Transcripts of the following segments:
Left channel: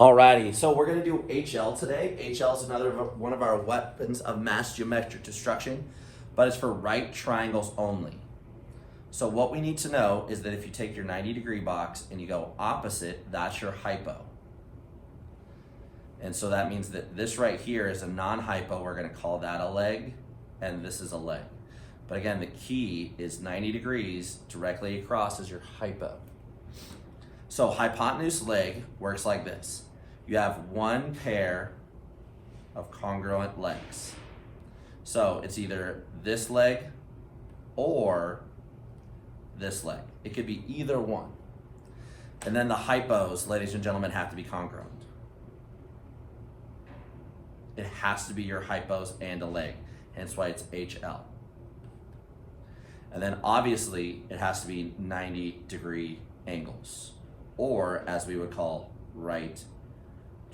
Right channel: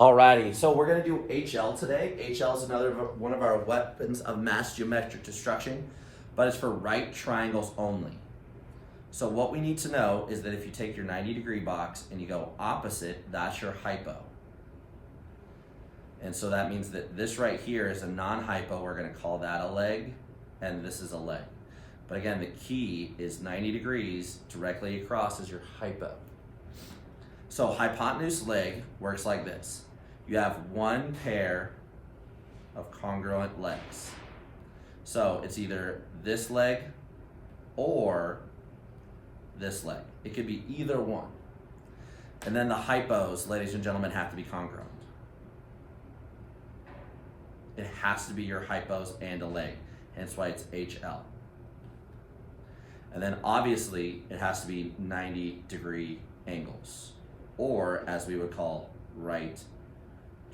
Alrighty, so we're going to do HL today. HL is another one of our weapons of mass geometric destruction, but it's for right triangles only. So what we need to know is that if you take your 90-degree box and you go opposite, that's your hypo. And so that means that this right here is a non-hypo. We're going to call that a leg, and this is a leg. But again, the key is 90 degrees directly across is your hypo. So hypotenuse leg works like this. You have one pair of congruent legs. So it's either this leg or this leg. It could be either one. And then the hypos, ladies and gentlemen, have to be congruent. It has to be your hypos and a leg. Hence why it's HL. And then obviously it has to be 90-degree angles, or as we would call right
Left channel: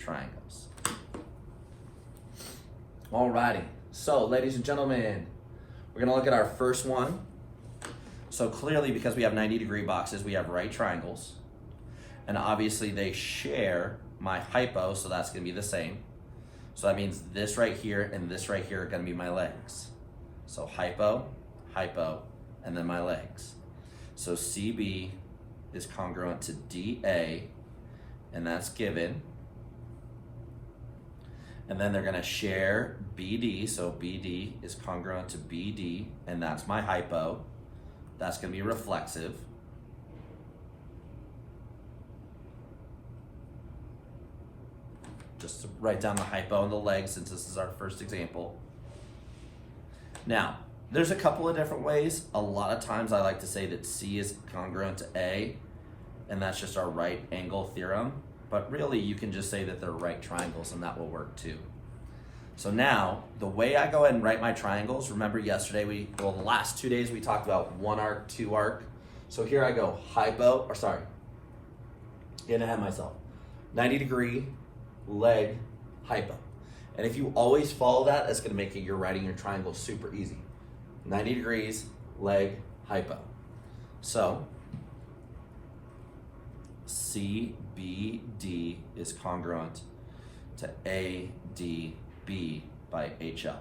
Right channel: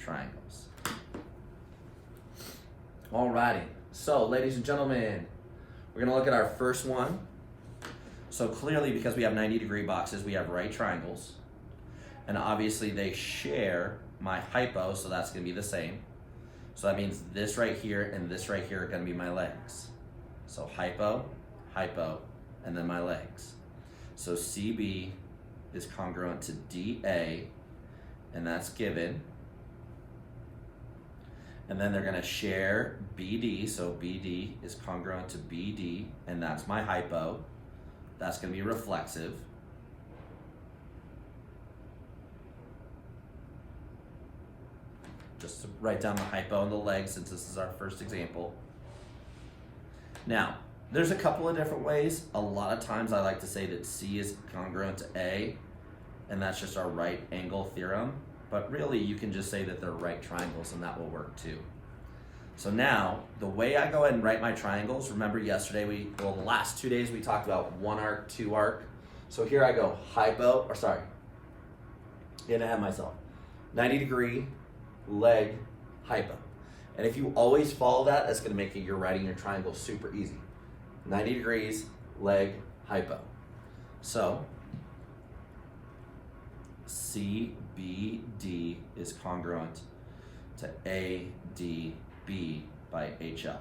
triangles. Alrighty, so ladies and gentlemen, we're gonna look at our first one. So clearly, because we have 90-degree boxes, we have right triangles. And obviously they share my hypo, so that's gonna be the same. So that means this right here and this right here are gonna be my legs. So hypo, hypo, and then my legs. So CB is congruent to DA, and that's given. And then they're gonna share BD, so BD is congruent to BD, and that's my hypo. That's gonna be reflexive. Just to write down the hypo and the legs since this is our first example. Now, there's a couple of different ways. A lot of times I like to say that C is congruent to A, and that's just our right angle theorem. But really, you can just say that they're right triangles, and that will work too. So now, the way I go ahead and write my triangles, remember yesterday, the last 2 days we talked about one arc, two arc. So here I go, getting ahead of myself. 90-degree, leg, hypo. And if you always follow that, that's gonna make your writing your triangle super easy. 90 degrees, leg, hypo. So, CBD is congruent to ADB by HL.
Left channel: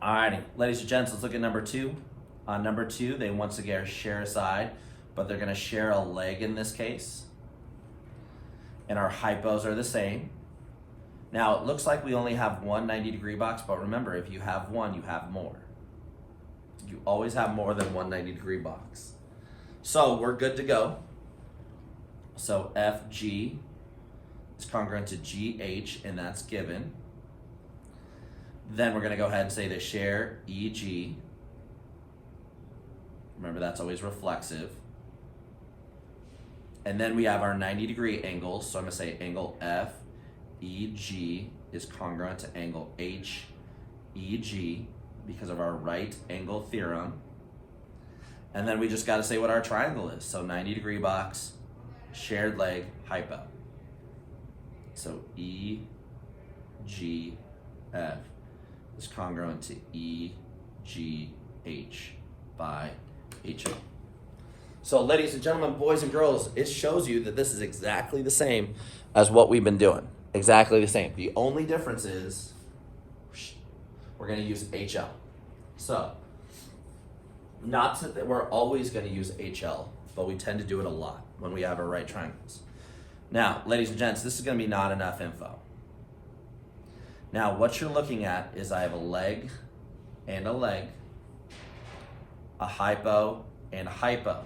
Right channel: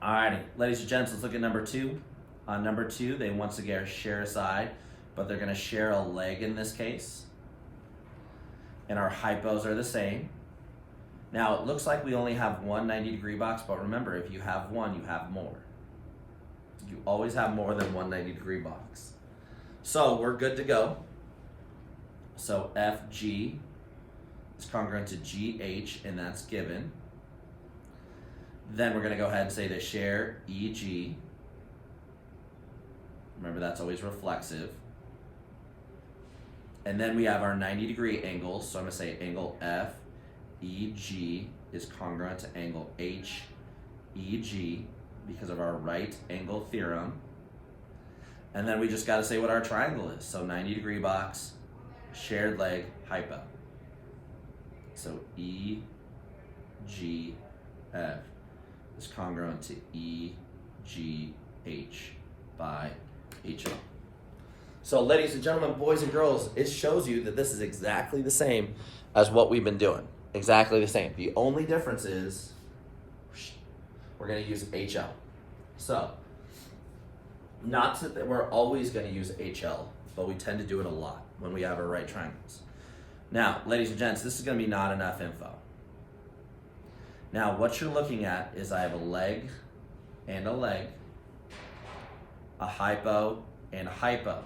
Alrighty, ladies and gents, let's look at number two. On number two, they once again share a side, but they're gonna share a leg in this case. And our hypos are the same. Now, it looks like we only have one 90-degree box, but remember, if you have one, you have more. You always have more than one 90-degree box. So we're good to go. So FG is congruent to GH, and that's given. Then we're gonna go ahead and say to share EG. Remember, that's always reflexive. And then we have our 90-degree angles. So I'm gonna say angle FEG is congruent to angle HEG because of our right angle theorem. And then we just gotta say what our triangle is. So 90-degree box, shared leg, hypo. So EGF is congruent to EGH by HA. So ladies and gentlemen, boys and girls, it shows you that this is exactly the same as what we've been doing. Exactly the same. The only difference is we're gonna use HL. So, not that we're always gonna use HL, but we tend to do it a lot when we have our right triangles. Now, ladies and gents, this is gonna be not enough info. Now, what you're looking at is I have a leg and a leg, a hypo and a hypo.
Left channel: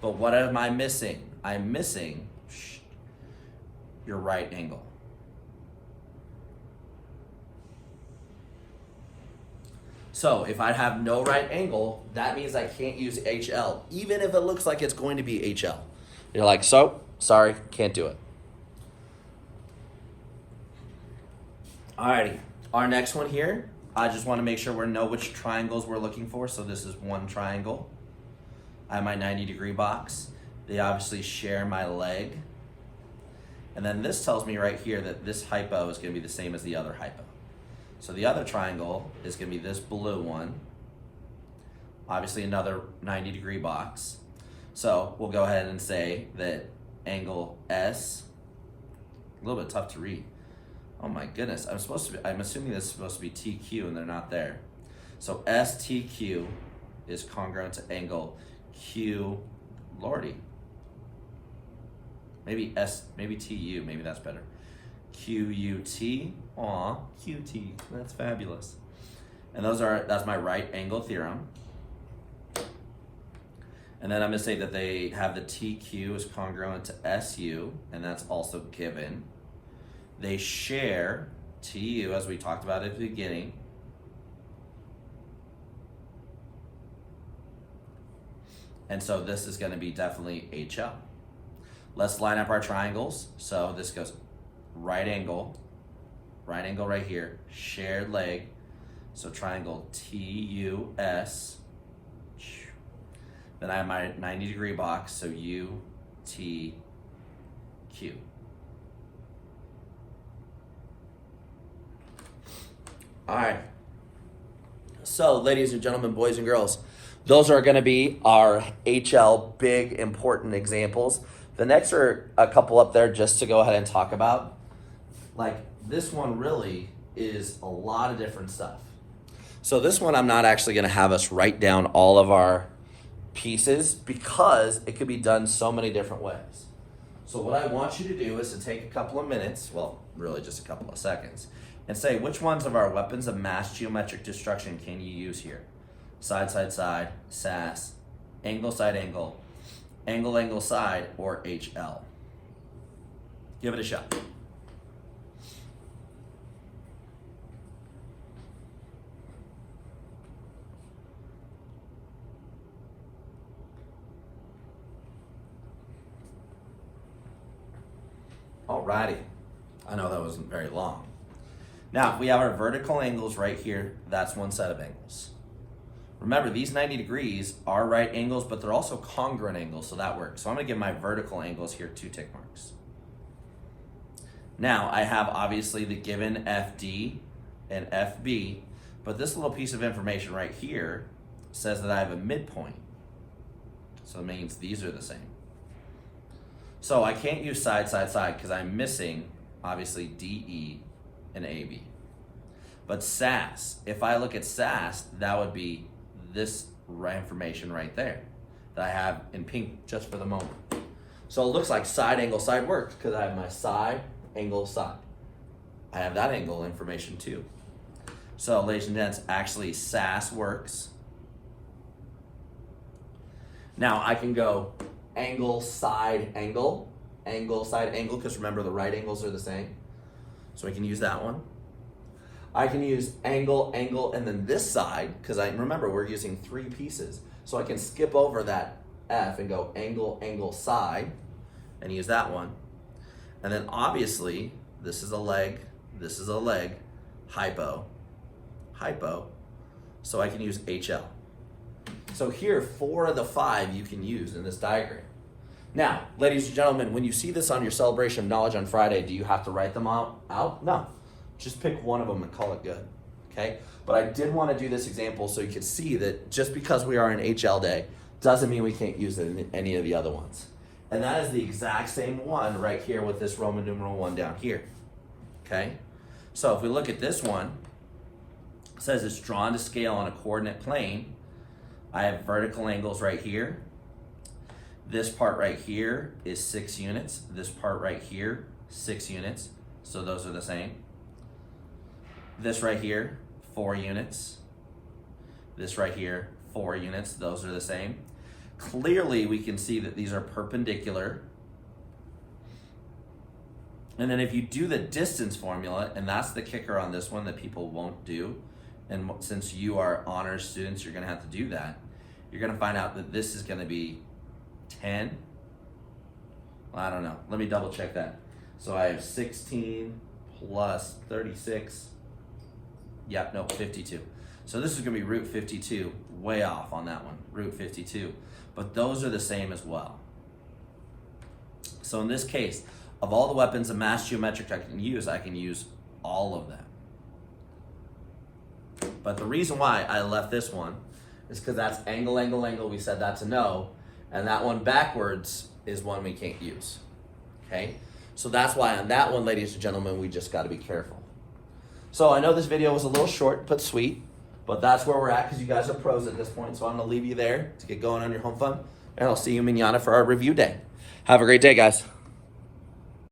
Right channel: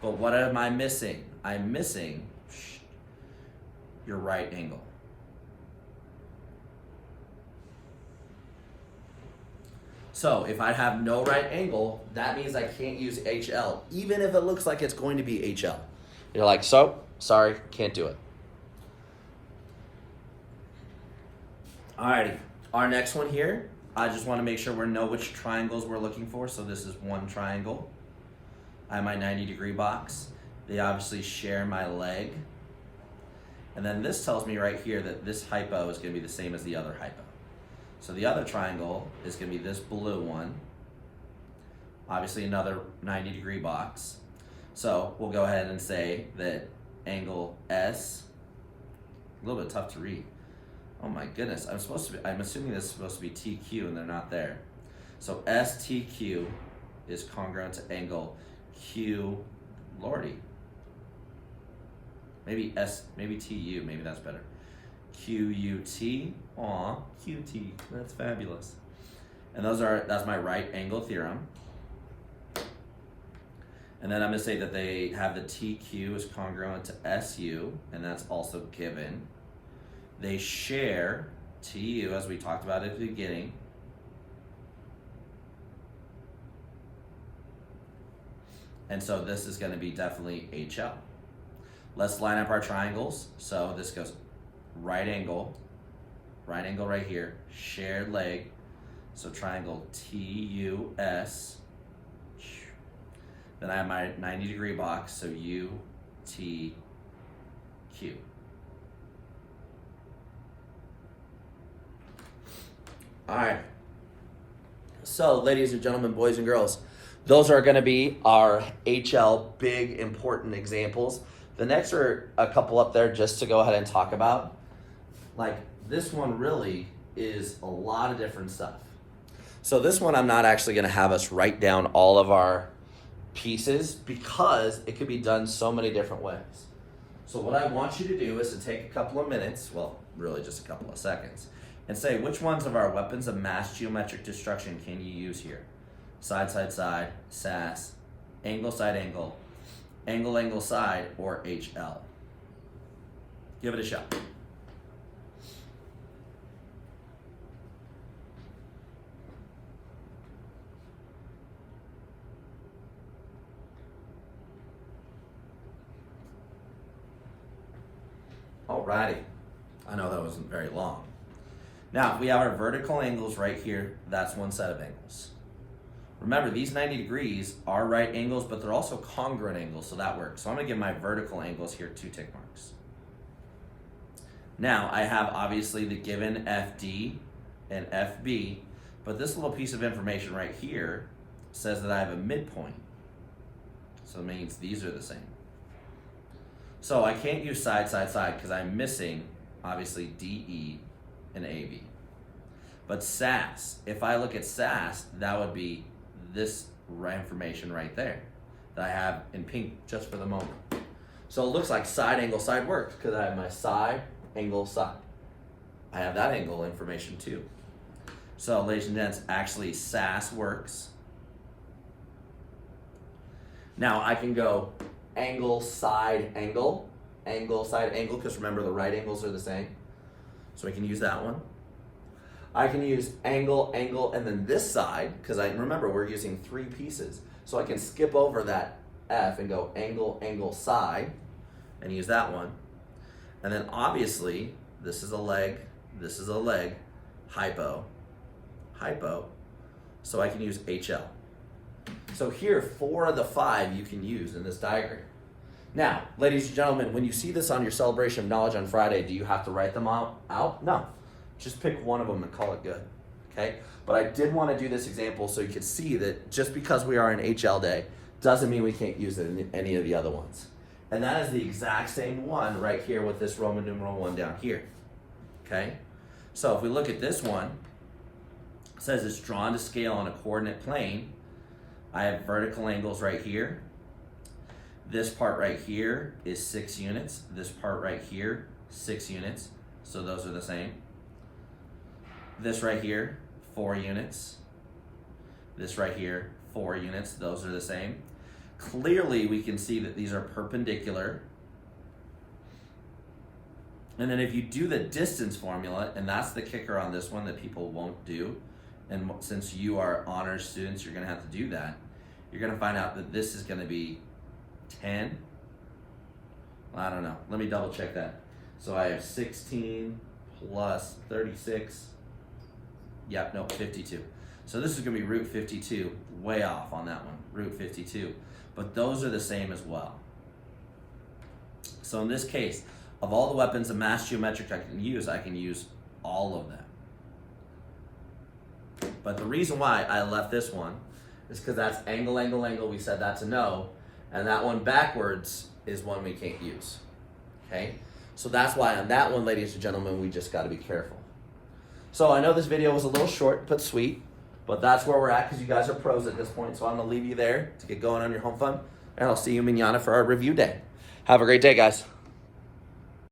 But what am I missing? I'm missing your right angle. So if I have no right angle, that means I can't use HL, even if it looks like it's going to be HL. You're like, so, sorry, can't do it. Alrighty, our next one here, I just want to make sure we know which triangles we're looking for. So this is one triangle. I have my 90-degree box. They obviously share my leg. And then this tells me right here that this hypo is going to be the same as the other hypo. So the other triangle is going to be this blue one. Obviously another 90-degree box. So we'll go ahead and say that angle S. A little bit tough to read. Oh my goodness, I'm assuming this is supposed to be TQ and they're not there. So STQ is congruent to angle Q, Lordy. Maybe TU, maybe that's better. QUT, aw, QT, that's fabulous. And that's my right angle theorem. And then I'm gonna say that they have the TQ is congruent to SU, and that's also given. They share TU, as we talked about at the beginning. And so this is gonna be definitely HL. Let's line up our triangles. So this goes right angle right here, shared leg. So triangle TUS. Then I have my 90-degree box, so UTQ. All right. So, ladies and gentlemen, boys and girls, those are going to be our HL big important examples. The next are a couple up there just to go ahead and talk about. Like this one really is a lot of different stuff. So this one I'm not actually going to have us write down all of our pieces because it could be done so many different ways. So what I want you to do is to take a couple of minutes, well, really just a couple of seconds, and say which ones of our weapons of mass geometric destruction can you use here? Side, side, side, SAS, angle, side, angle, angle, angle, side, or HL. Give it a shot. Alrighty, I know that wasn't very long. Now, if we have our vertical angles right here, that's one set of angles. Remember, these 90 degrees are right angles, but they're also congruent angles, so that works. So I'm gonna give my vertical angles here 2 tick marks. Now, I have obviously the given FD and FB, but this little piece of information right here says that I have a midpoint. So it means these are the same. So I can't use side, side, side because I'm missing, obviously, DE and AB. But SAS, if I look at SAS, that would be this information right there that I have in pink just for the moment. So it looks like side angle side works because I have my side angle side. I have that angle information too. So ladies and gents, actually SAS works. Now I can go angle side angle, angle side angle, because remember the right angles are the same. So I can use that one. I can use angle, angle, and then this side, because I remember we're using 3 pieces. So I can skip over that F and go angle, angle, side, and use that one. And then obviously, this is a leg, hypo, hypo. So I can use HL. So here, 4 of the 5 you can use in this diagram. Now, ladies and gentlemen, when you see this on your celebration of knowledge on Friday, do you have to write them out? No. Just pick one of them and call it good, okay? But I did want to do this example so you could see that just because we are in HL day doesn't mean we can't use it in any of the other ones. And that is the exact same one right here with this Roman numeral 1 down here, okay? So if we look at this one, it says it's drawn to scale on a coordinate plane. I have vertical angles right here. This part right here is 6 units. This part right here, 6 units. So those are the same. This right here, 4 units. This right here, 4 units. Those are the same. Clearly, we can see that these are perpendicular. And then if you do the distance formula, and that's the kicker on this one that people won't do, and since you are honors students, you're going to have to do that. You're going to find out that this is going to be 10. Well, I don't know. Let me double check that. So I have 16 plus 36. Yep, no, 52. So this is going to be root 52. Way off on that one, root 52. But those are the same as well. So in this case, of all the weapons of mass geometric I can use all of them. But the reason why I left this one is because that's angle, angle, angle. We said that's a no. And that one backwards is one we can't use. Okay? So that's why on that one, ladies and gentlemen, we just got to be careful. So I know this video was a little short but sweet, but that's where we're at because you guys are pros at this point. So I'm going to leave you there to get going on your home fun, and I'll see you mañana for our review day. Have a great day, guys.